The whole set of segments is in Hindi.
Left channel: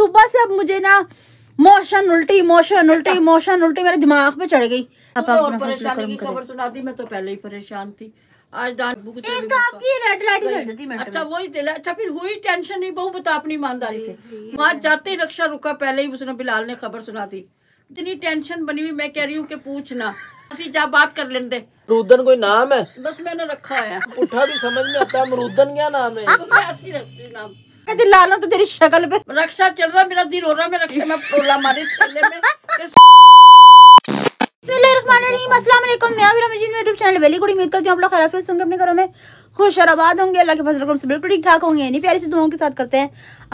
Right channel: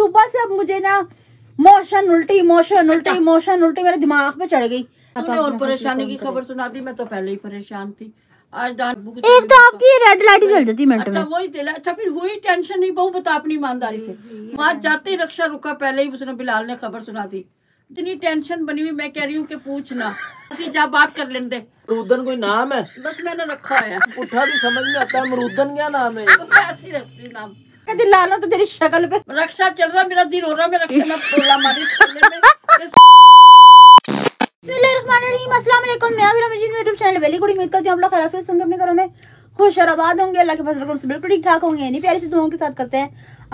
सुबह से अब मुझे ना मोशन उल्टी मेरे दिमाग पे चढ़ गई। और परेशानी की खबर सुना दी, मैं तो पहले ही परेशान थी। आज एक तो आपकी रेड लाइट जल जाती है। अच्छा वही दिला। अच्छा फिर हुई टेंशन नहीं, बहु बता अपनी ईमानदारी से। वहाँ जाते ही रक्षा रुका, पहले ही उसने बिलाल ने खबर सुना दी। इतनी टेंशन बनी हुई, मैं कह रही हूँ कि पूछना जा बात कर लेंदे। अमरूदन कोई नाम है? बस मैंने रखा है, पुट्ठा भी समझ में आता है। अमरूदन क्या नाम है? ऐसी रखती नाम दिलाना तो तेरी शक्ल पे रक्षा चल रहा, मेरा दिल हो रहा, मैं रक्षा में पोला मारी करने में। बिस्मिल्लाहिर्रहमानिर्रहीम, अस्सलाम वालेकुम। मैं अभी रमजीन यूट्यूब चैनल वेली गुड, उम्मीद करती हूँ आप लोग खैरियत से होंगे, अपने घरों में खुश और आबाद होंगे, अल्लाह के फजल से बिल्कुल ठीक ठाक होंगे। इन्हीं प्यारी सी दुआओं के साथ करते हैं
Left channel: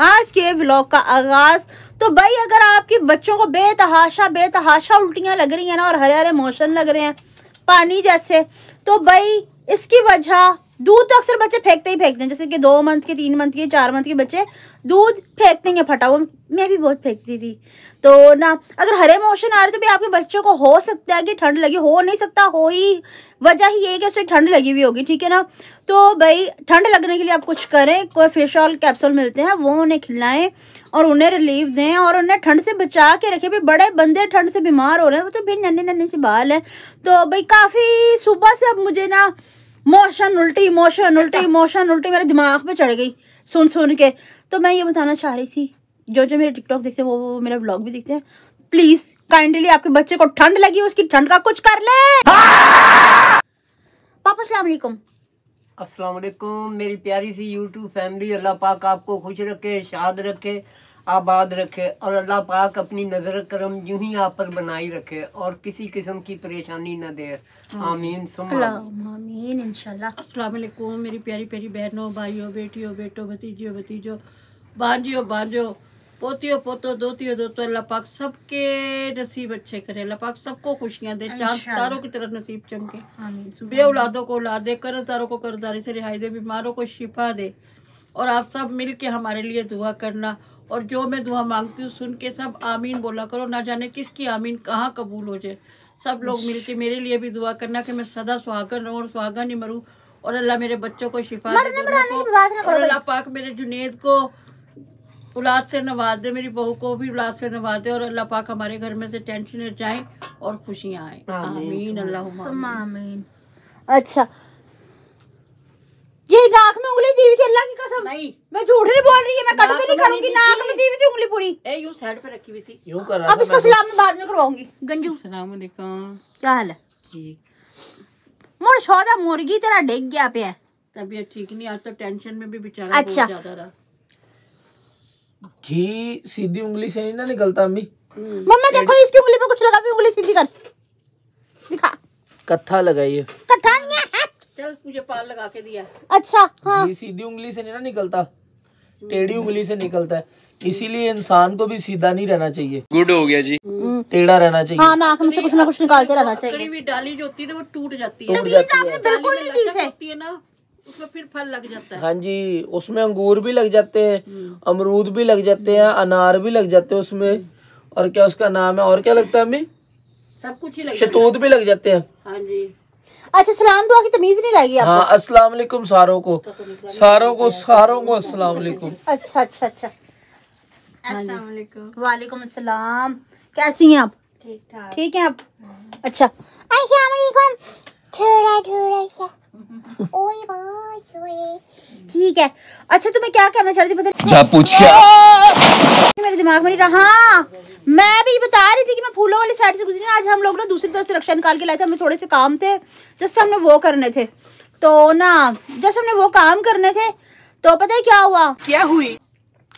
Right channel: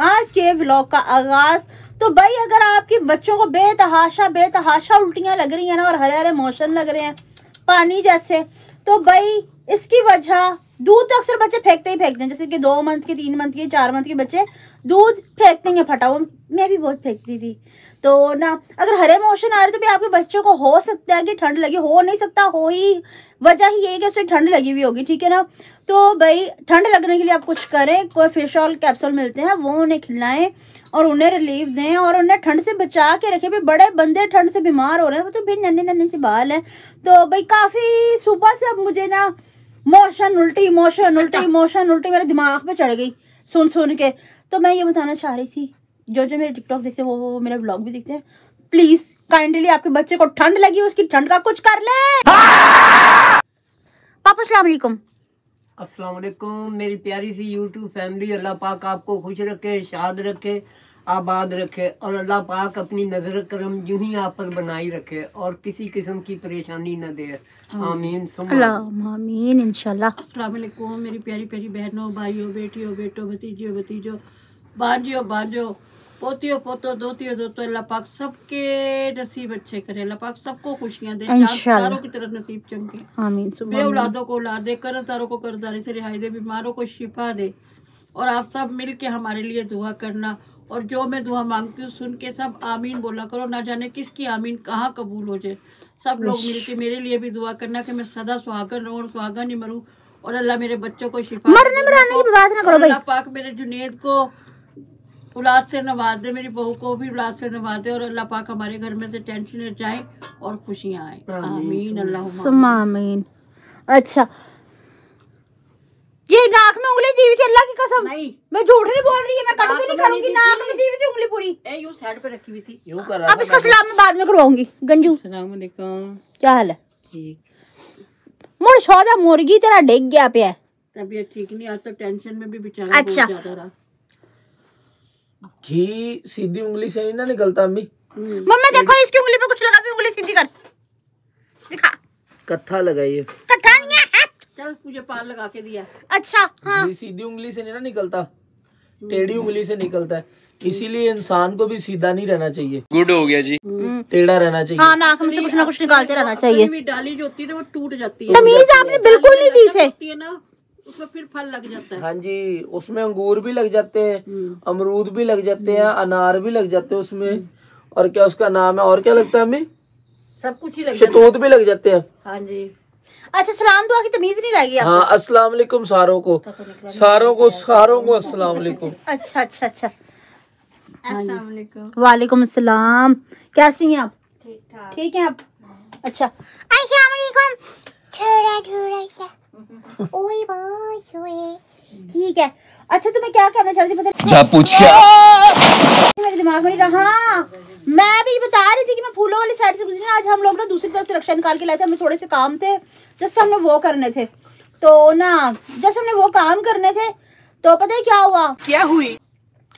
आज के व्लॉग का आगाज। तो भाई अगर आपके बच्चों को बेतहाशा उल्टियां लग रही है ना और हरे हरे मोशन लग रहे हैं पानी जैसे, तो भाई इसकी वजह दूध तो अक्सर बच्चे फेंकते हैं, जैसे कि 2 मंथ के 3 मंथ के 4 मंथ के बच्चे दूध फेंकते हैं फटा हुआ। मैं भी बहुत फेंकती थी। तो ना अगर हरे मोशन आ रहे तो भी आपके बच्चों को हो सकता है कि ठंड लगी, हो नहीं सकता, हो ही वजह ही है कि उसे ठंड लगी हुई होगी, ठीक है ना। तो भाई ठंड लगने के लिए आप कुछ करें, कोई फिश ऑयल कैप्सूल मिलते हैं वो उन्हें खिलाएं और उन्हें रिलीफ दें और उन्हें ठंड से बचा के रखें। भाई बड़े बंदे ठंड से बीमार हो रहे हैं, वो तो भी नन्हे से बाल हैं। तो भाई काफ़ी सुबह से अब मुझे ना मोशन उल्टी मेरे दिमाग पे चढ़ गई सुन के। तो मैं ये बताना चाह रही थी, जो मेरे टिकटॉक देखते हैं वो मेरा व्लॉग भी देखते हैं, प्लीज काइंडली आपके बच्चे को ठंड लगी उसकी ठंड का कुछ कर ले। पापा अस्सलाम वालेकुम। अस्सलाम वालेकुम मेरी प्यारी सी यूट्यूब फैमिली। अल्लाह पाक आपको खुश रखे, शाद रखे, आबाद रखे और अल्लाह पाक अपनी नजर करम यूं ही आप पर बनाई रखे और किसी किस्म की परेशानी न दे। आमीन आमीन इंशाल्लाह। अस्सलाम वालेकुम मेरी प्यारी प्यारी बहनों, भाइयों, बेटियों, बेटों, भतीजों, बांजियों, पोतियों, पोतों, दोतियों, अल्लाह पाक सबके नसीब अच्छे करे। अल्लाह पाक सबको खुशियां दे, चांद तारों की तरफ नसीब चमके। आमीन। बे औलादों को औलाद दे, कर्जदारों को कर्जदारी से रिहाई दे, बीमारों को शिफा दे। और आप सब मिल के हमारे लिए दुआ करना और जो मैं दुआ मांगती हूँ सुन के सब आमीन बोला करो। ना जाने किसकी आमीन कहाँ कबूल हो जाए। सब लोग मिल के मेरे लिए भी दुआ करना कि मैं सदा सुहागन रहूँ और सुहागन ही मरूँ और अल्लाह मेरे बच्चों को शिफा दे। और अल्लाह पाक मेरे जुनेद को औलाद से नवाज दे, मेरी बहू को भी औलाद से नवाज दे और अल्लाह पाक हमारे घर में से टेंशन जाए और खुशियाँ आए। आमीन अल्लाहुम्मा आमीन। अच्छा ये नाक में उंगली दी हुई थी, अल्लाह की कसम नहीं, मैं झूठ नहीं बोल रही है, मैं कट भी नहीं करूंगी। नाक में दी हुई थी उंगली पूरी, यूं साइड पे रखी हुई थी, यूं कर रहा था। अब इसका सलाम मैं बाद में करवाऊंगी। गंजू अस्सलाम वालेकुम, क्या हाल है? ठीक। मोर शौदा मुर्गी तेरा डिग गया पे है, तबीयत ठीक नहीं, आज तो टेंशन में भी बेचारा बहुत ज्यादा रहा। घी सीधी उंगली से नहीं ना निकलता अम्मी। मम्मी देखो इसकी उंगली पे कुछ लगा हुआ, उंगली सीधी कर दिखा। कत्था लगाइए। कत्था नहीं है, चल मुझे पाल लगा के दिया। अच्छा हाँ। घी सीधी उंगली से नहीं ना निकलता, टेढ़ी उंगली से निकलता है, इसीलिए इंसान को भी सीधा नहीं रहना चाहिए। गुड हो गया जी, टेढ़ा रहना चाहिए। हाँ, नाक में से कुछ ना कुछ निकालते रहना चाहिए। भी डाली जो होती है वो टूट जाती है। तमीज आपने बिल्कुल नहीं दी से है ना, उसमें फिर फल लग जाता है। हाँ जी, उसमें अंगूर भी लग जाते हैं, अमरूद भी लग जाते हैं, अनार भी लग जाते हैं उसमें, और क्या उसका नाम है और क्या लगता है हमें, सब कुछ ही लग शहतूत भी लग जाते हैं। हाँ जी। अच्छा सलाम दुआ की तमीज नहीं रहेगी आपको? हाँ अस्सलाम वालेकुम सारों को अस्सलाम वालेकुम। अच्छा अस्सलाम वालेकुम। वालेकुम अस्सलाम। कैसी हैं आप? ठीक है आप? अच्छा अस्सलाम वालेकुम। ठीक है। अच्छा तुम्हें क्या कहना चाहती थी पता? पूछ क्या मेरे दिमाग में नहीं रहा। हाँ मैं भी बता रही थी कि मैं फूलों वाली साइड से गुजरी। आज हम लोग ना दूसरी तरफ से रक्षा निकाल के लाए थे, हमें थोड़े से काम थे, जस्ट हमने वो करने थे। तो ना जस्ट हमने वो काम करने थे तो पता है क्या हुआ, क्या हुई?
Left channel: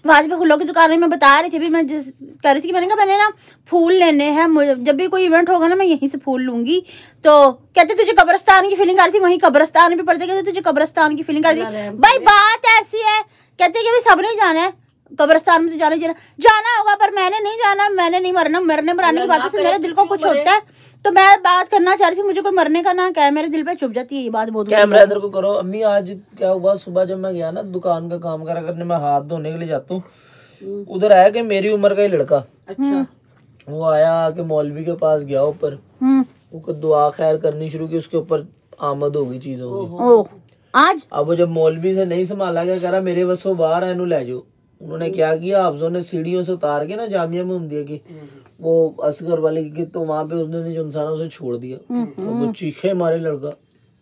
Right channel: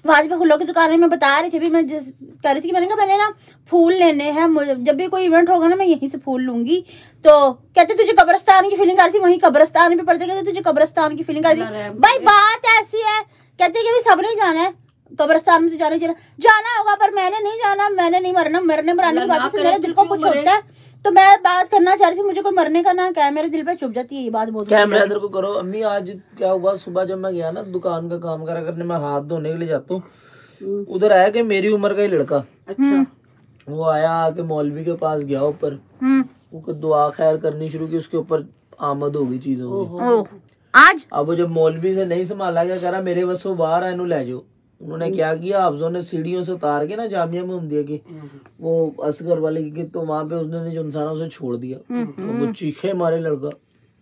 वहां पे फूलों की दुकान में मैं बता रही थी, भी मैं कह रही थी कि मैंने ना फूल लेने हैं, जब भी कोई इवेंट होगा ना मैं यहीं से फूल लूंगी। तो कहते तुझे कब्रिस्तान की फीलिंग आ रही थी, वहीं कब्रिस्तान भी पड़ते, कहते तुझे कब्रिस्तान की फीलिंग आ रही थी। भाई बात ऐसी है, कहते कि सब नहीं जाना है कब्रिस्तान में, तो जाना होगा पर मैंने नहीं जाना, मैंने नहीं मरना। मरने मराने की बातों से मेरे दिल को कुछ होता है, तो मैं बात करना चाह रही थी, मुझे कोई मरने का ना क्या है, मेरे दिल पे चुभ जाती है ये बात बहुत। कैमरा इधर को करो। अम्मी आज क्या हुआ, सुबह जब मैं गया ना दुकान का काम करा करने, मैं हाथ धोने के लिए जाता हूँ, उधर आया कि मेरी उम्र का ही लड़का। अच्छा। वो आया आके मौलवी के पास गया ऊपर, वो दुआ खैर करनी शुरू की, उसके ऊपर आमद हो गई चीज होगी आज। अब वो जब मौलवी से नहीं संभाला गया, कह रहा मेरे वसों बाहर है, इनू ले जाओ। उन्होंने क्या किया, अफजों ने सीढ़ियों से उतार के ना जामिया मोहम्मदिया की वो असगर वाले की, तो वहाँ पे उसने जो इंसानों से छोड़ दिया, तो वो चीखे मारे लड़का,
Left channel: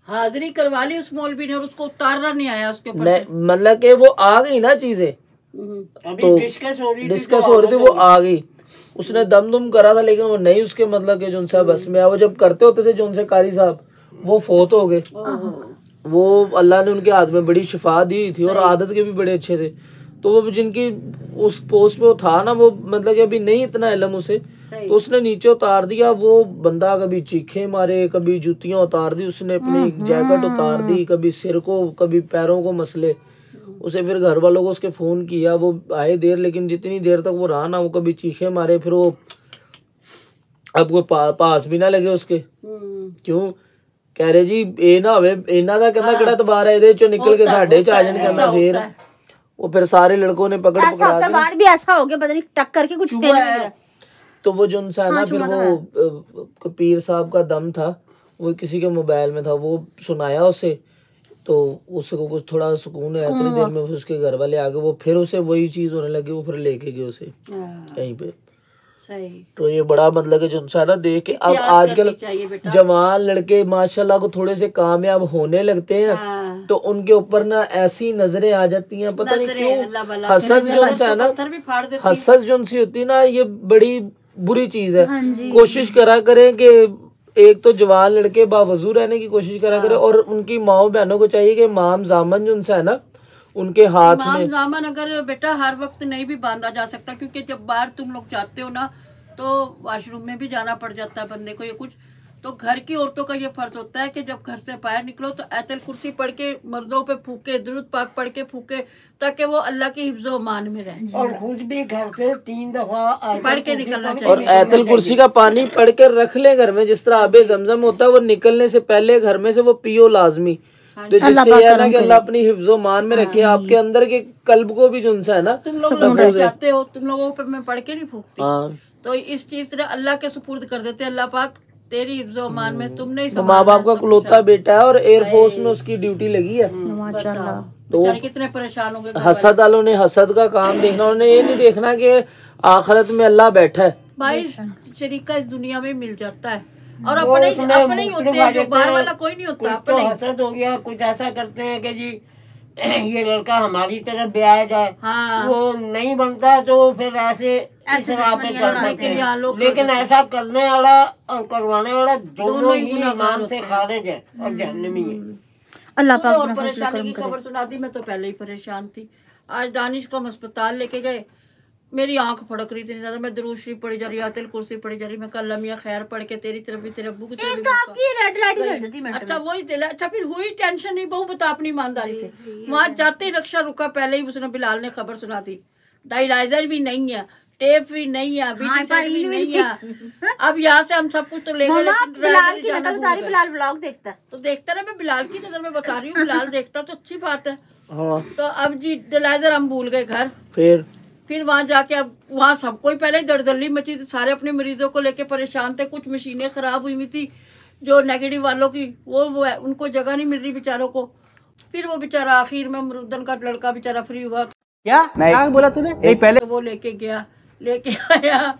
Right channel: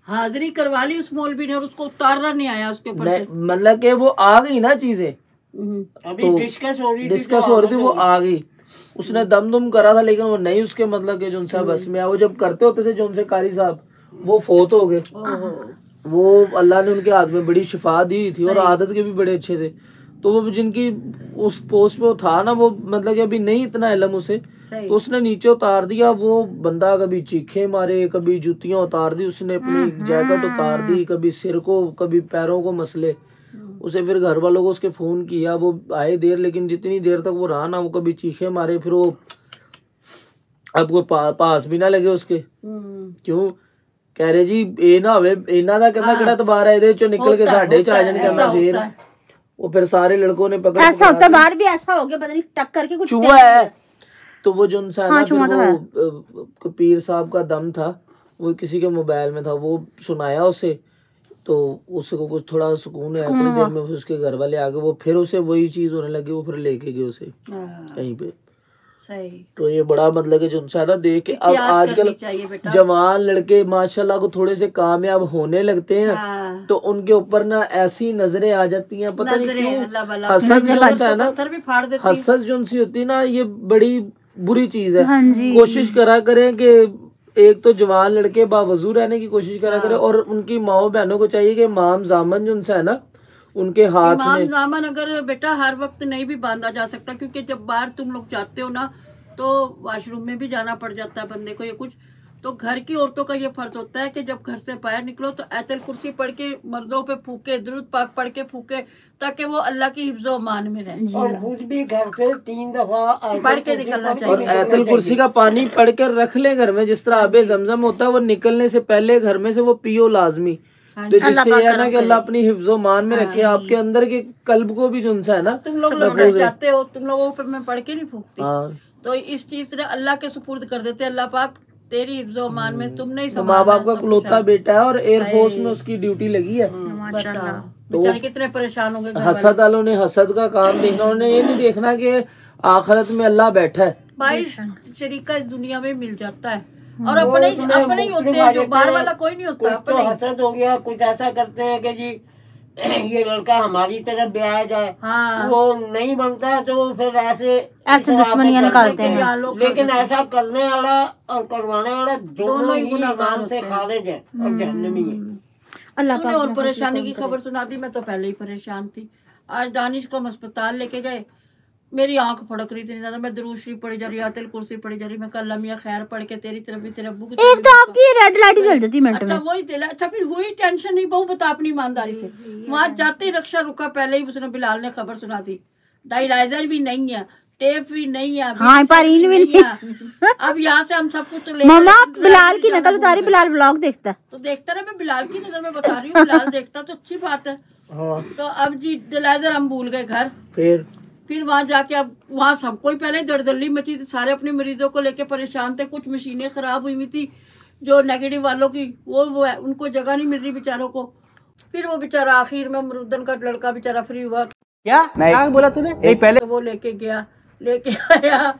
हाजिरी करवा ली उस मौलवी ने और उसको उतारना नहीं आया उसके ऊपर से। मतलब कि वो आ गई ना चीजें, तो डिस्कस हो रही थी, वो आ गई, उसने दम करा था, लेकिन वो नहीं उसके मतलब के जो उनसे बस में, वो जब करते होते थे जो उनसे कारी साहब, वो फोत हो गए। वो अल्लाह ने उनके हाथ में बड़ी शिफा दी थी और आदत के भी बड़े अच्छे थे, तो वो जिनकी उस पोस्ट पे वो था ना, वो मतलब कि अभी नहीं इतना इल्म उसे, तो उसने नीचे उतार दिया। वो बंदा कभी चीखे मारे, कभी जूतियां उतार दी, उसने अपनी जैकेट उतार दी, कभी सिर को कभी पैरों को मसले। उसे फिर घर वालों को उसके फोन किया, वो आए देर, लेकिन जितनी देर तक वो रहा ना, वो कभी चीखे मारे, फिर वो अब वो पास भी ना लगे उसके। क्यों कह रहे जी ए ना होवे, इना दा कहना किड़ा तबार है इहदे चों निकल के साडे च आ जाण, कहना फिर वो फिर सारे लड़कों ने पकड़ ऐसा होता है, बाहर भी ऐसा हो गया, पता नहीं टक करके कुछ है। तो वो जो इंसान ना, फिर वो पीर साहब का दम था, वो किसी के मोबाइल में था, वो सुनाया उसे, तो उसको कुछ थोड़ा सुकून है, थोड़ी देर में उसके घर वाले आ गए, वो फिर उसे वही चीज होने लगी, वो फिर लेके गए उसे कहीं पे। सही। तो ये बड़ा मतलब कि जो इंसान ना देख के, अब आजकल जवान लड़के माशाल्लाह को थोड़े से कामयाब होने लगते हैं, तो उनके ऊपर ना ऐसी नजरें आ जाती हैं, पता नहीं क्यों। हसद जो है ना, हसद जो सी होती है ना, ये बड़ी बुरी चीज है। कोशिश करा करें कि एक तो जवान लड़के बावजू रहने की कोशिश करा करें, और उनकी माओ बहनों को चाहिए कि माम जामन जो उनसे है ना, उनके हाथ में जामन अगर बेटा हर वक्त नहीं भी बांधा जा सकता, क्योंकि जब बाहर तुम लोग जाते हो ना, तो वॉशरूम में भी जाना पड़ जाता है बंदे को, ये कुछ तो घर की औरतों का ये फर्ज होता है कि जब घर से बाहर निकलो तो आयतल कुर्सी पढ़ के मर्दों पे फूके, दुरूद पाक पढ़ के फूके, ताकि वो अल्लाह की हिफ्ज़ो अमान में रहे, और खुद भी घर से 3 दफा पढ़ के निकलना और चाहिए। आयतल कुर्सी का पानी पढ़ कर रख ले घर में, जिस तरह आबे जमजम होता है, वो निकलने से पहले घर में से वो पियो लाजमी, तो जिससे यह है ना कि अल्लाह अपनी हिफ्ज़ो मान में रखे, आपके अंदर के कल्ब को भी जो है ना, तुम लोग जाते हो, तुम लोगों पे मैं पढ़ के नहीं फूकती, तो इस चीज से अल्लाह के सुपुर्द कर देते, अल्लाह पाक तेरी हिफ्ज़ो अमान में, तुम नहीं संभालना। माँ बाप का इकलौता बेटा है और एयरफोर्स में उसकी ड्यूटी लगी है, माशाल्लाह। तो कितने परेशान हो गए हसद वालों ने, हसद का काम देखना, उन्होंने ये नहीं देखना कि आखिरत में अल्लाह बैठा है। भाई शरीका इस दुनिया में मिल जाता है, और अपने ही होते हैं, जो बाहर वाला कोई नहीं होता, अपने हसद हो गया। कुछ ऐसा करते हैं कि जी ये लड़का हमारी तरफ ब्याह जाए, वो नहीं बनता, तो फिर ऐसे दुश्मनियां निकालते हैं। लेकिन ऐसा करने वाला और करवाने वाला दोनों ही ईमान से खारिज है और जहन्नमी है। अल्लाह पाक और परेशानी की खबर सुना दी, मैं तो पहले ही परेशान थी। आज दानिश को हम अस्पताल लेके गए, मेरी आंख फड़क रही थी ज्यादा, मैं दुरूद शरीफ पढ़ी जा रही, आयतल कुर्सी पढ़ी जा रही, मैं कल लम्या खैर पढ़ के तेरी तरफ भी, तेरे अब्बू की तरफ भी। आपकी रेड लाइट जल जाती है। अच्छा वही दिल। अच्छा फिर हुई टेंशन नहीं, बहू बता अपनी ईमानदारी से। वहां जाते ही रक्षा रुका, पहले ही उसने बिलाल ने खबर सुना दी, डायलाइजर भी नहीं है, टेप भी नहीं है, भी नहीं है। अब यहाँ से हम सब कुछ तो ले बिलाल की नजर उतारी, बिलाल ब्लॉग देखता है तो देखता रहे, मैं बिलाल की नजर में बता रही हूँ, बिलाल देखता तो अच्छी बात है। तो अब जी डायलाइजर हम भूल गए घर, फिर वहां जाके अब वहां सब कोई पहले ही दड़दल्ली मची थी, सारे अपने मरीजों को लेके परेशान थे, कुछ मशीनें खराब हुई हुई थी जो नेगेटिव वालों की, वो है, उनको जगह नहीं मिल रही बेचारों को। फिर वो बेचारा आखिर में अमरुद्दन का लड़का बेचारा फ्री हुआ। क्या नहीं बोला तूने? पहले वो लेके गया, लेके आया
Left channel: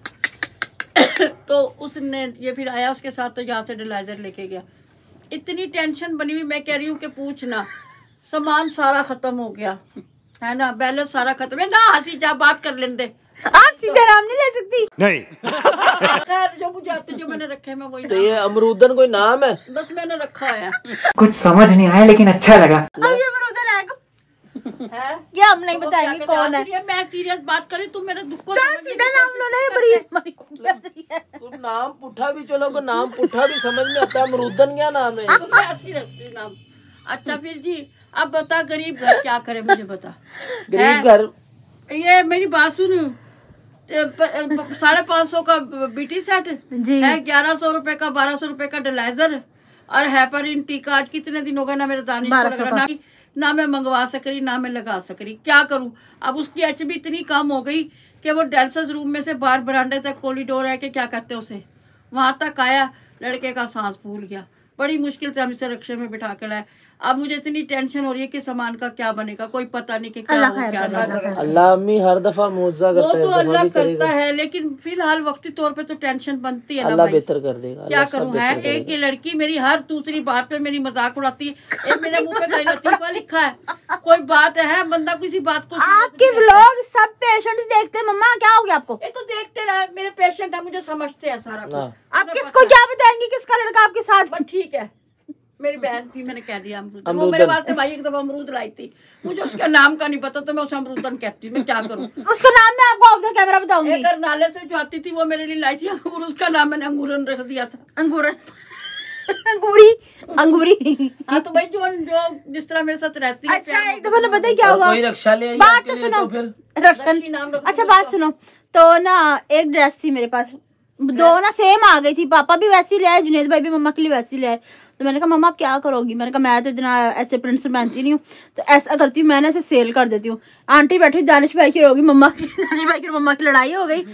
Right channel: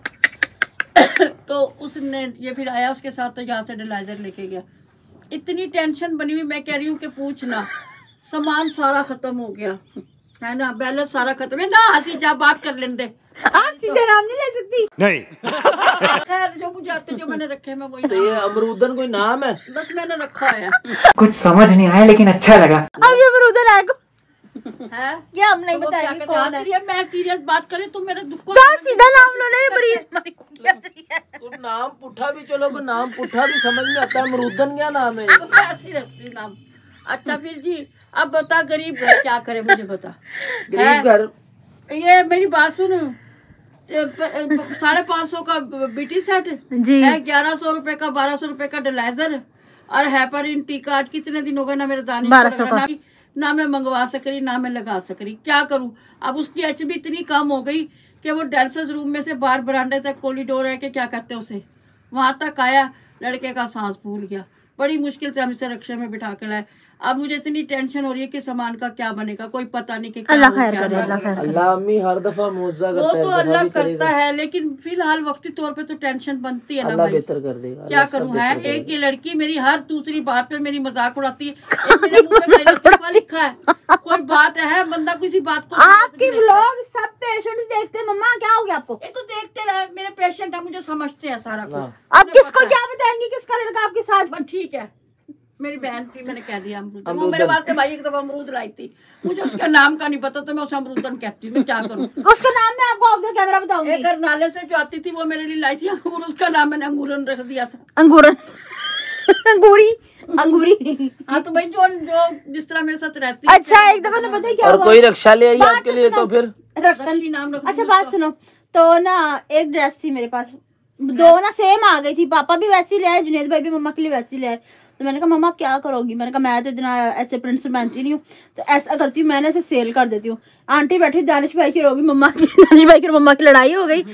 तो उसने ये फिर आया उसके साथ, तो यहाँ से डायलाइजर लेके गया। इतनी टेंशन बनी हुई, मैं कह रही हूँ कि पूछना, सामान सारा खत्म हो गया है ना, बैलेंस सारा खत्म है ना। हंसी जा बात कर लेंदे, आप सीधा नाम नहीं ले सकती। नहीं जो कुछ आते जो मैंने रखे मैं वही नाम। ये अमरूदन कोई नाम है? बस मैंने रखा है। कुछ समझ नहीं आया लेकिन अच्छा लगा। अब ये अमरूदन आएगा क्या हम नहीं बताएंगे कौन है। मैं सीरियस बात करी, तुम मेरे दुख को सीधा नाम लो ना, नाम पुठा भी चलो, को नाम पुठा भी समझ में आता है, अमरूदन क्या नाम है? ऐसी रखती नाम। अच्छा फिर जी अब बता, गरीब घर क्या करे मुझे बता। गरीब घर, ये मेरी बात सुन, 550 का बीटी सेट है, 1100 रुपए का, 1200 रुपए का डायलाइजर और हेपरिन टीका। आज कितने दिन हो गए ना मेरे दाने, ना मैं मंगवा सक रही ना मैं लगा सक रही, क्या करूं। अब उसकी HB इतनी कम हो गई कि वो डायलिसिस रूम में से बाहर बरामदे तक कॉरिडोर है कि क्या कहते हैं उसे, वहां तक आया, लड़के का सांस फूल गया। बड़ी मुश्किल से हम इसे रिक्शे में बिठा के लाए। अब मुझे इतनी टेंशन हो रही है कि सामान का क्या बनेगा, कोई पता नहीं कि अल्लाह क्या हो, खैर क्या करे, ना अल्लाह हो। खैर करे। अल्लाह अम्मी हर दफा मुआवजा वो करता है, इस तो दफा अल्लाह भी करता करेगा। है, लेकिन फिलहाल वक्ती तौर पे तो टेंशन बनती है ना अल्लाह भाई। बेहतर कर देगा, क्या अल्लाह सब करूं है, बेहतर एक ये करेगा। लड़की मेरी हर दूसरी बात पे मेरी मजाक उड़ाती है। एक मेरे मुंह पे कहीं लतीफा लिखा है, कोई बात है बंदा किसी बात को आपके व्लॉग सब पेशेंट्स देखते हैं। मम्मा क्या हो गया आपको? ये तो देखते रहे, मेरे पेशेंट है, मुझे समझते हैं सारा हाँ। कुछ। आप किसको क्या बताएंगे किसका लड़का आपके साथ? बस ठीक है, मेरी बहन थी, मैंने कह दिया अमरूदन। वो अमरूदन। मेरे वास्ते भाई एक दफा अमरूद लाई थी, मुझे उसका नाम का नहीं पता तो मैं उसे अमरूदन कहती, मैं क्या करूं। उसके नाम में आपको ऑफ द कैमरा बताऊंगी। एक नाले से जो आती थी वो मेरे लिए लाई थी अंगूर, उसका नाम मैंने अंगूरन रख दिया था। अंगूरन अंगूरी अंगूरी। हाँ तो भाई जो जो जिस तरह मेरे साथ रहती है। अच्छा एक दफा ने पता है क्या और हुआ? कोई रक्षा ले आई बात आपके तो लिए सुनो। तो फिर रक्षण। रक्षी नाम रख अच्छा दिया बात सुनो, तो ना एक ड्रेस थी मेरे पास, दो ना सेम आ गई थी। पापा भी वैसी ले आए, जुनेद भाई भी मम्मा के लिए वैसी ले आए। तो मैंने कहा मम्मा आप क्या करोगी? मैंने कहा मैं तो इतना ऐसे प्रिंट्स पहनती नहीं हूँ, तो ऐसा करती हूँ मैंने ऐसे सेल कर देती हूँ। आंटी बैठी दानिश भाई की होगी, मम्मा की दानिश भाई की और मम्मा की लड़ाई हो गई।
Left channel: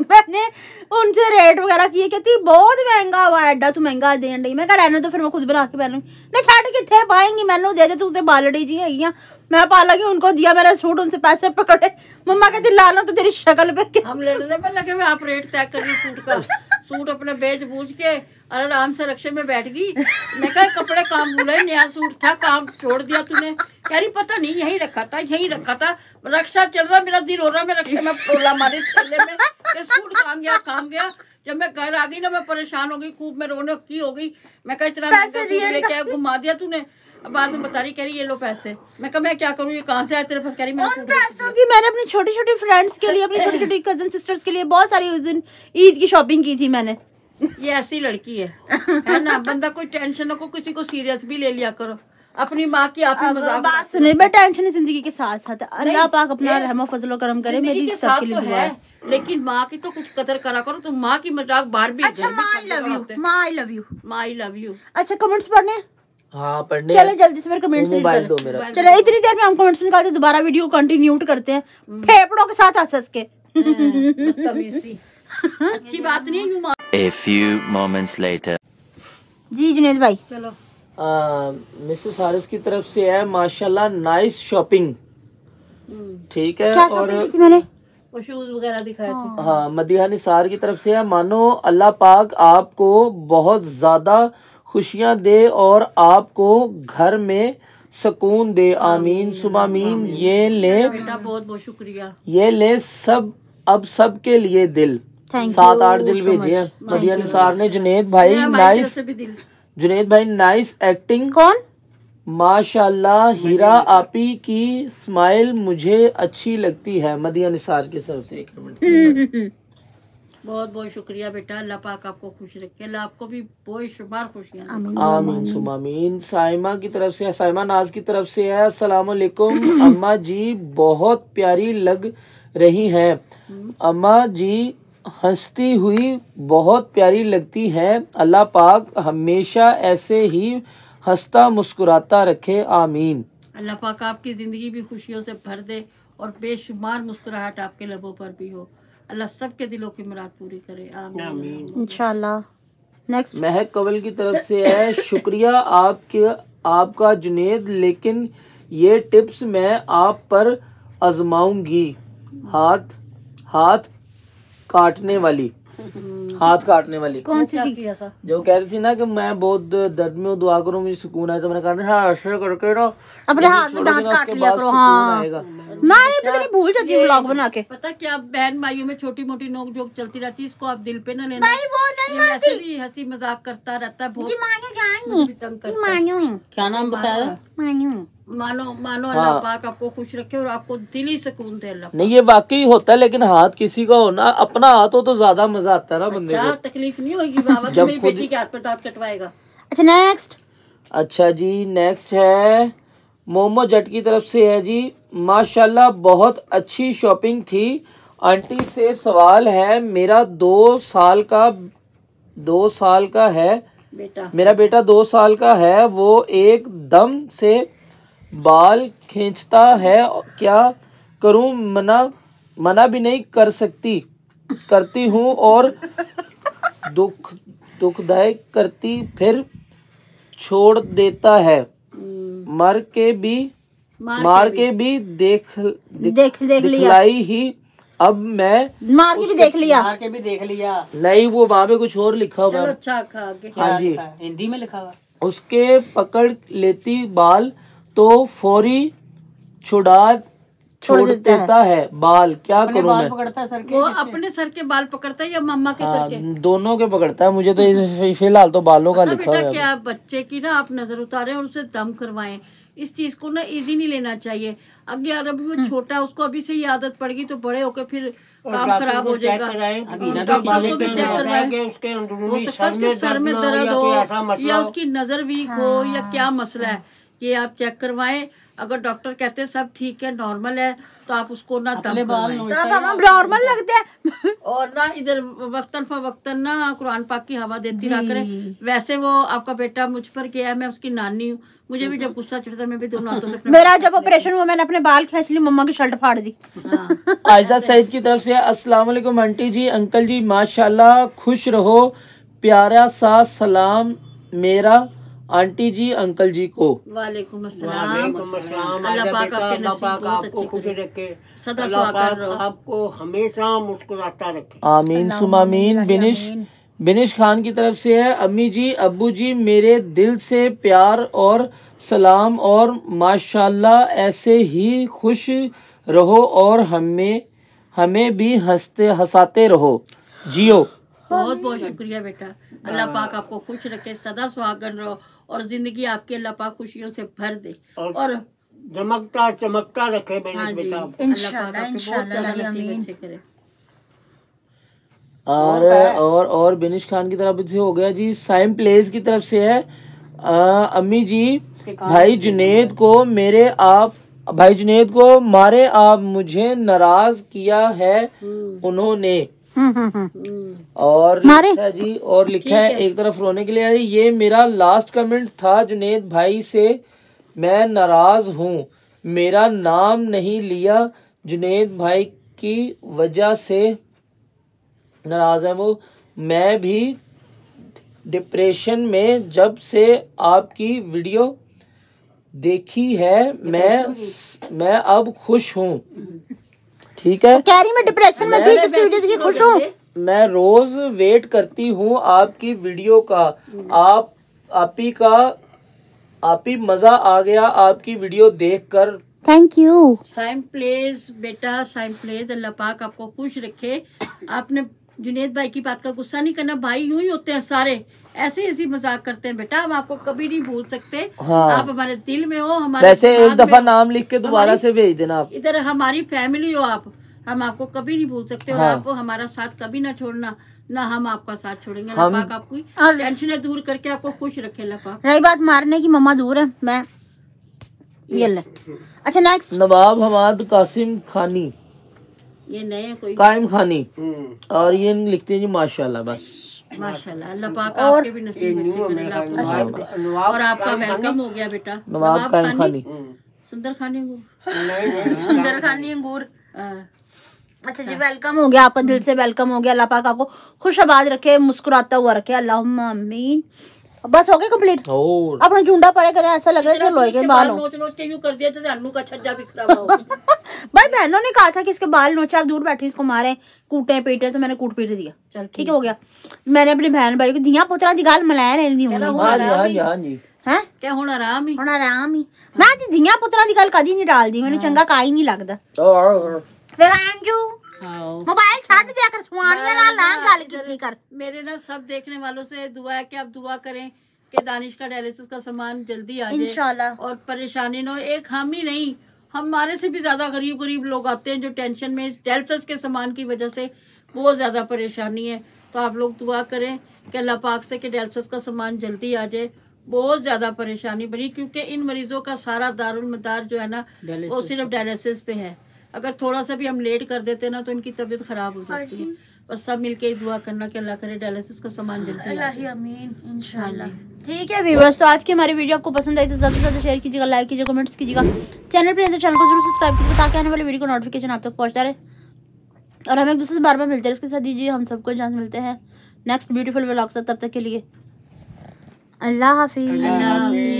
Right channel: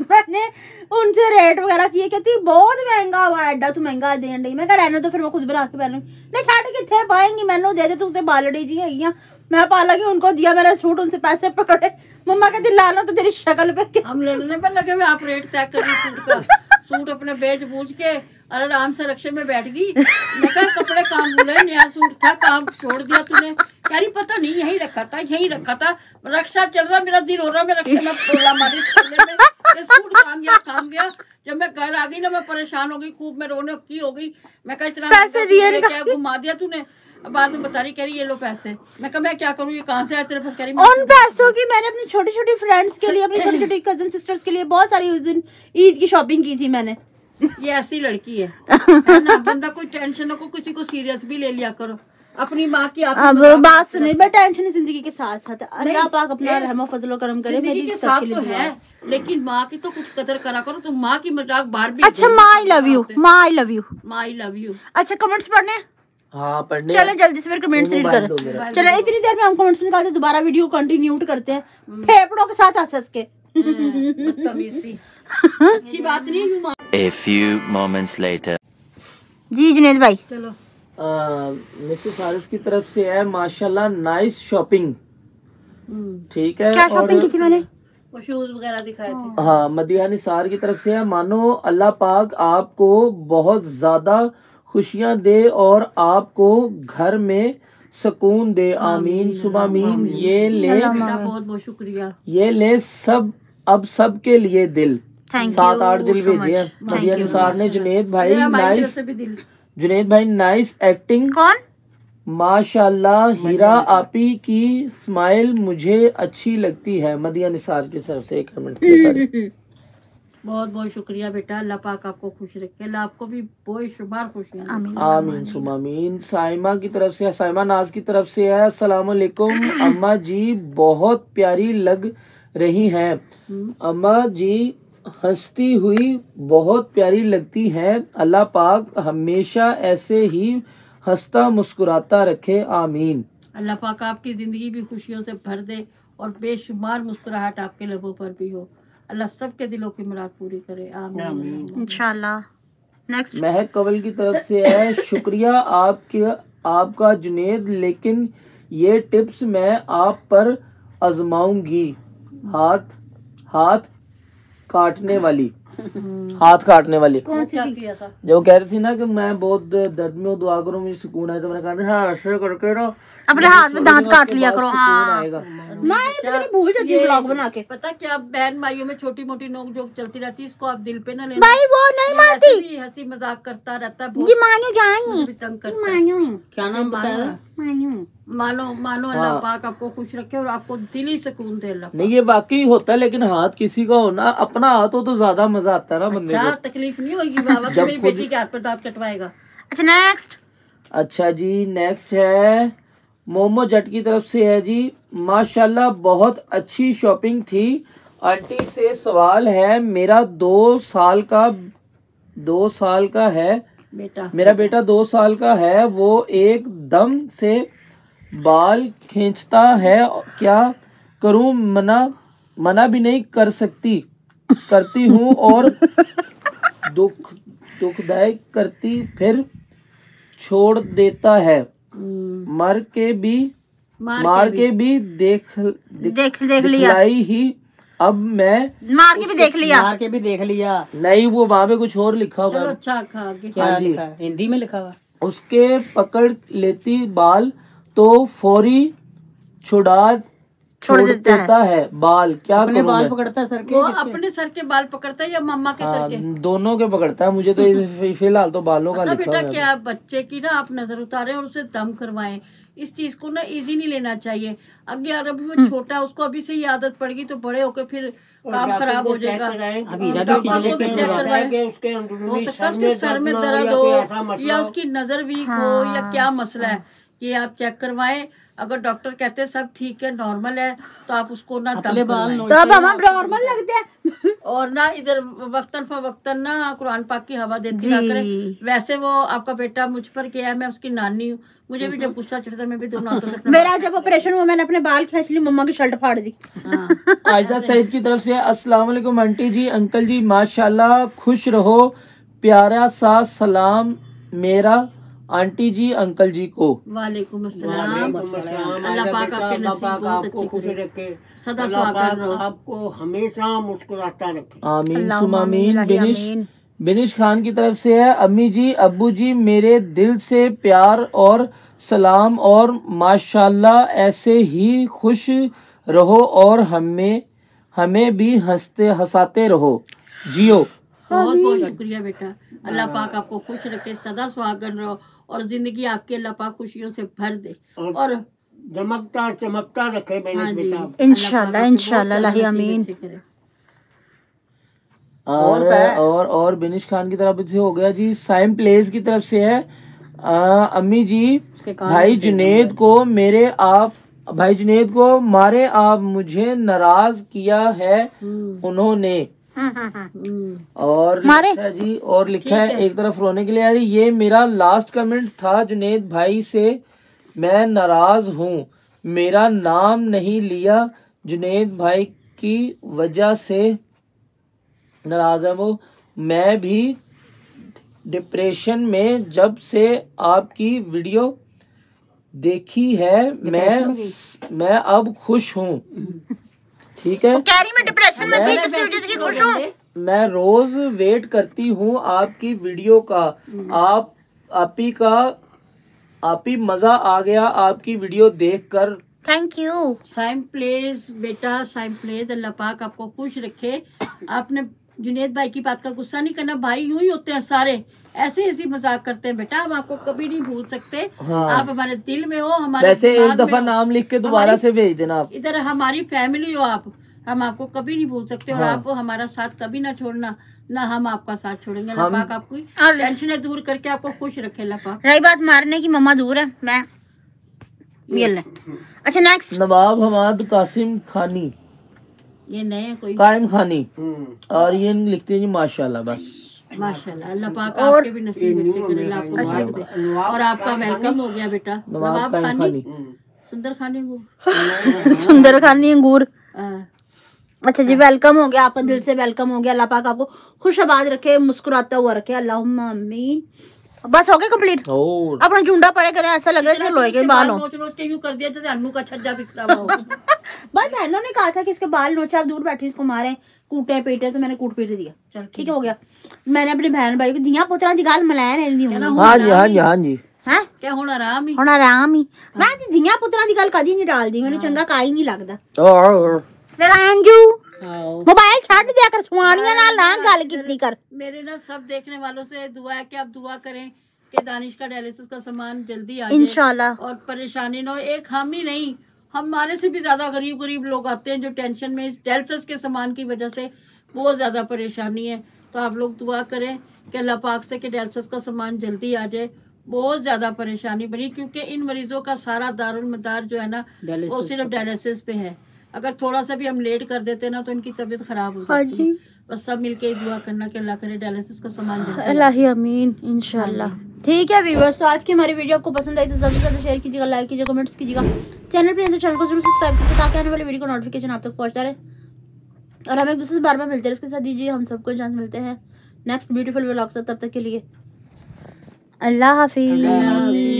मैंने उनसे रेट वगैरह किए, कहती बहुत महंगा हुआ है, एडा तू महंगा देन रही। मैं कहा रहने तो फिर मैं खुद बना के पहनूंगी। नहीं छाड़ किथे पाएंगी, मैंने दे दे तू ते बालड़ी जी है। मैं पाला कि उनको दिया, मेरा सूट उनसे पैसे पकड़े। मम्मा कहती ला लो तो तेरी शक्ल पे। हम लड़ने पे लगे हुए, आप रेट तय कर रही सूट का। सूट अपने बेच बूझ के और आराम से रक्षे में बैठ गई। मैं कहा कपड़े काम बोला, नया सूट था, काम छोड़ दिया तूने। कह रही पता नहीं यही रखा था, यही रखा था। रक्षा चल रहा, मेरा दिल हो रहा, मैं रक्षा में पोला मारी थैले में, ये सूट काम गया। जब मैं घर आ गई ना मैं परेशान हो गई, खूब मैं रोने की हो गई। मैं कहा इतना पैसे दिए क्या घुमा दिया तूने। अब बाद में बता रही, कह रही ये लो पैसे। मैं कहा मैं क्या करूँ, ये कहाँ से आए तेरे पास? कह रही उन पैसों की मैंने अपनी छोटी छोटी फ्रेंड्स के लिए, अपनी छोटी छोटी कजन सिस्टर्स के लिए बहुत सारी उस दिन ईद की शॉपिंग की थी मैंने। ये ऐसी लड़की है ना। बंदा कोई टेंशन को किसी को सीरियस भी ले लिया करो। अपनी माँ की आप अब बात सुनिए, बट टेंशन है जिंदगी के साथ साथ। अल्लाह पाक अपना रहम फजलो करम करे, मेरी सबके लिए दुआ है। लेकिन माँ की तो कुछ कदर करा करो। तुम माँ की मजाक बाहर भी। अच्छा माँ आई लव यू, माँ आई लव यू, माँ आई लव यू। अच्छा कमेंट्स पढ़ने हैं? हाँ पढ़ने। चलो जल्दी से फिर कमेंट्स रीड मोबाइल दो करें। मेरा। चलो इतनी देर में हम कमेंट्स निकालते दोबारा वीडियो कंटिन्यू करते हैं फेफड़ों के साथ हंस हंस के। अच्छी बात नहीं है। A few moments later. जी जुनेद भाई। चलो मिसेस हारिस की तरफ से है माशाल्लाह नाइस शॉपिंग। ठीक है। क्या और शॉपिंग की थी मैंने? वो शूज वगैरह दिखाए थे। हाँ मदिहा निसार की तरफ से है, मानो अल्लाह पाक आपको बहुत ज्यादा खुशियां दे और आपको घर में सुकून दे, आमीन सुमामीन। ये ले बेटा बहुत बहुत शुक्रिया। ये ले सब, अब सब के लिए दिल। Thank 7-8 you दिल so भेजे हैं much. Madiha Thank you. Nisar ने। जुनेद भाई मेरा भाई की तरफ नाइस, से भी दिल। जुनेद भाई नाइस एक्टिंग कौन? माशाल्लाह। हीरा आपी की स्माइल मुझे अच्छी लगती है। मदिहा निसार की तरफ से एक कमेंट। बहुत बहुत शुक्रिया बेटा। अल्लाह पाक आपको खुश रखे, अल्लाह आपको भी बहुत शुमार खुशियाँ। आमीन सुमामीन। साइमा की तरफ से, साइमा नाज की तरफ से है, अस्सलाम वालेकुम अम्मा जी बहुत प्यारी लग रही हैं। अम्मा जी हंसती हुई बहुत प्यारी लगती हैं। अल्लाह पाक हमेशा ऐसे ही हंसता मुस्कुराता रखे, आमीन। अल्लाह पाक आपकी जिंदगी भी खुशियों से भर दे और बेशुमार मुस्कुराहट आपके लबों पर भी हो। अल्लाह सबके दिलों की मुराद पूरी करे, आमीन इंशाल्लाह। नेक्स्ट महक कंवल की तरफ से है, शुक्रिया आपका जुनेद, लेकिन ये टिप्स मैं आप पर आजमाऊंगी। हाथ काटने वाली, हाथ काटने वाली कौन सी थी? किया था। जो कह रही थी ना कि मैं बहुत दर्द में हूँ, दुआ करो मुझे सुकून आए। तो मैंने कहा हाँ ऐसे करके ना अपने हाथ में दांत उसके काट लिया बाद करो। सुकून हाँ आएगा। मैं ये पता नहीं भूल जाती हूँ व्लॉग बना के। पता क्या, बहन भाइयों में छोटी मोटी नोक जोक चलती रहती है, इसको आप दिल पे ना लेना। भाई वो नहीं ये मारती, वैसे भी हंसी मजाक करता रहता है, ये बहुत मानो जानी, मुझे भी तंग करता है। मानो है, क्या नाम बताया? मानो। मानो अल्लाह पाक आपको खुश रखे और आपको दिली सुकून दे अल्लाह। नहीं ये वाकई होता है, लेकिन हाथ किसी का हो ना, अपना हाथ हो तो ज्यादा मजा आता है ना बंदे क्या को। तकलीफ नहीं होगी बाबा, जब मेरी खुद- बेटी के हाथ पे दांत कटवाएगा। अच्छा नेक्स्ट। अच्छा जी नेक्स्ट है मोमो जट की तरफ से है जी, माशाल्लाह बहुत अच्छी शॉपिंग थी। आंटी से सवाल है, मेरा 2 साल का है बेटा मेरा बेटा 2 साल का है, वो एकदम से बाल खींचता है, क्या करूं? मना भी नहीं करती हूँ और दुखदायक करती, फिर छोड़ देता है, मार के भी देख लिया, दिखलाई ही। अब मैं मार के भी देख लिया, नहीं, वो वहाँ पे कुछ और लिखा हुआ है। अच्छा आगे हाँ जी, हिंदी में लिखा हुआ। उसके पकड़ लेती बाल तो फौरी छोड़ देता है बाल। क्या करूं मैं? पकड़ता है सर के, वो अपने सर के बाल पकड़ता है या मम्मा के सर के? दोनों के पकड़ता है। मुझे तो फिलहाल तो बालों का लिखा बेटा है। क्या बच्चे की ना आप नजर उतारें और उसे दम करवाएं। इस चीज को ना इजी नहीं लेना चाहिए। अगर यार अभी वो छोटा है, उसको अभी से ही आदत पड़ेगी तो बड़े होकर फिर काम खराब हो जाएगा। डॉक्टर को भी चेक करवाएं, हो सकता है उसके सर में दर्द हो या उसकी नजर वीक हो या क्या मसला है, ये आप चेक करवाएं। अगर डॉक्टर कहते हैं सब ठीक है, नॉर्मल है, तो आप उसको ना दम करवाएं। तो अब हम नॉर्मल लगते हैं और ना इधर वक्तन फवक्तन ना कुरान पाक की हवा देती रहा करें। वैसे वो आपका बेटा मुझ पर गया है, मैं उसकी नानी हूँ, मुझे भी जब गुस्सा चढ़ता है मैं भी दोनों हाथों से मेरा जब ऑपरेशन हुआ मैंने अपने बाल खींच लिए, मम्मा की शर्ट फाड़ दी। आयशा सईद की तरफ से अस्सलाम वालेकुम आंटी जी, अंकल जी, माशाल्लाह, खुश रहो। प्यारा सा सलाम मेरा आंटी जी अंकल जी को। वालेकुम अस्सलाम। अल्लाह पाक आपके नसीब बहुत अच्छे करे, सदा सुहागन रहो, आपको हमेशा मुस्कुराता रखे। आमीन सुमा आमीन। बिनिश खान की तरफ से है, अम्मी जी अब्बू जी मेरे दिल से प्यार और सलाम और माशाल्लाह, ऐसे ही खुश रहो और हमें भी हंसाते रहो, जियो। बहुत बहुत शुक्रिया बेटा। अल्लाह पाक आपको खुश रखे, सदा सुहागन रहो और जिंदगी आपकी अल्लाह पाक खुशियों से भर दे और चमकता रखे बेटा। इंशाल्लाह इंशाल्लाह आमीन। और बिनिश खान की तरफ से हो गया जी। साइम प्लेस की तरफ से है, अम्मी जी भाई जुनेद को मारे आप मुझे नाराज किया है उन्होंने। और लिखा है जी, और लिखा है एक तरफ रोने के लिए है, ये मेरा लास्ट कमेंट था जुनेद भाई से, मैं नाराज हूँ, मेरा नाम नहीं लिया, जुनेद भाई की वजह से नाराज है वो। मैं भी डिप्रेशन में जब से आपकी वीडियो देखी है, मैं अब खुश हूँ। ठीक है, मैं डिप्रेशन में थी जब से वीडियो देखी, खुश हूँ। मैं रोज वेट करती हूँ आपकी वीडियो का। आपी मजा आ गया आपकी वीडियो देखकर। Thank you. साइम प्लेस बेटा, साइम प्लेस, अल्लाह पाक आपको खुश रखे। आपने जुनेद भाई की बात का गुस्सा नहीं करना, भाई यूं ही होते हैं सारे, ऐसे मजाक करते हैं बेटा, हम आपको कभी नहीं भूल सकते। हाँ। आप हमारे दिल में हो, हमारे वैसे एक दफा नाम लिख के दोबारा से भेज देना। आप इधर हमारी फैमिली हो, आप, हम आपको कभी नहीं भूल सकते। और आप हमारा साथ कभी ना छोड़ना, ना हम आपका साथ छोड़ेंगे। अल्लाह पाक आपकी टेंशन दूर करके आपको खुश रखे। अल्लाह पाक। रही बात मारने की, मम्मा दूर है, मैं ये ले। अच्छा नेक्स्ट, नवाब हमाद कासिम खानी, ये नए कोई कायम खानी, और ये लिखते हैं जी माशाल्लाह। बस माशाल्लाह, अल्लाह पाक आपके भी नसीब अच्छे करे, आपको नसीब दे। और आपका वेलकम हो गया बेटा। नवाब खानी, सुंदर खानी अंगूर, सुंदर खानी अंगूर। अच्छा जी, वेलकम हो गया आपका, दिल से वेलकम हो गया। अल्लाह पाक आपको खुश आबाद रखे, मुस्कुराता हुआ रखे, अल्लाहुम्मा आमीन। बस हो गया कंप्लीट। अपना झुंडा पड़े करे, ऐसा लग रहा है लोहे के बाल हो। कर दिया जैसे अन्नू का छज्जा बिखरा हुआ हो। भाई बहनों ने कहा था कि इसके बाल नोचे, आप दूर बैठे इसको मारे, कूटे पीटे, तो मैंने कूट पीट दिया। चल ठीक है, हो गया। मैंने अपनी बहन भाई को दिया पुत्रा दी गाल मलाया नहीं दी हूं। हां जी हां जी हां जी, हैं क्या होना आराम ही मैं दी दिया पुत्रा दी गाल कदी नहीं डाल दी, मैंने चंगा काई नहीं लगदा। रांजू मोबाइल छाड़ दिया कर, सुआनियां ना गल कीती कर। मेरे ना सब देखने वालों से दुआ है कि आप दुआ करें कि दानिश का डायलिसिस का सामान जल्दी आ जाए इंशाल्लाह, और परेशानी न हो। एक हम ही नहीं, हमारे से भी ज्यादा गरीब लोग आते हैं जो टेंशन में डायलिसिस के सामान की वजह से बहुत ज्यादा परेशानी है। तो आप लोग दुआ करें कि अल्लाह पाक से कि डायलिसिस का सामान जल्दी आ जाए। बहुत ज्यादा परेशानी बनी, क्योंकि इन मरीजों का सारा दारुल मदार जो है ना वो सिर्फ डायलिसिस पे है। अगर थोड़ा सा भी हम लेट कर देते ना तो इनकी तबीयत खराब हो जाती है। बस सब मिलके दुआ करना कि अल्लाह करे डायलिसिस का सामान जल्दी, अल्लाह आमीन इंशाल्लाह। ठीक है व्यूअर्स, तो आज की हमारी वीडियो आपको पसंद आई तो ज्यादा से ज्यादा शेयर कीजिएगा, लाइक कीजिएगा, कमेंट्स कीजिएगा। चैनल पर तो चैनल को जरूर सब्सक्राइब कीजिए ताकि आने वाली वीडियो का नोटिफिकेशन आप तक पहुंचता रहे। और हम एक दूसरे से बार बार मिलते हैं, इसके साथ दीजिए हम सबको जान मिलते हैं नेक्स्ट ब्यूटीफुल व्लॉग से। तब तक के लिए अल्लाह हाफिज।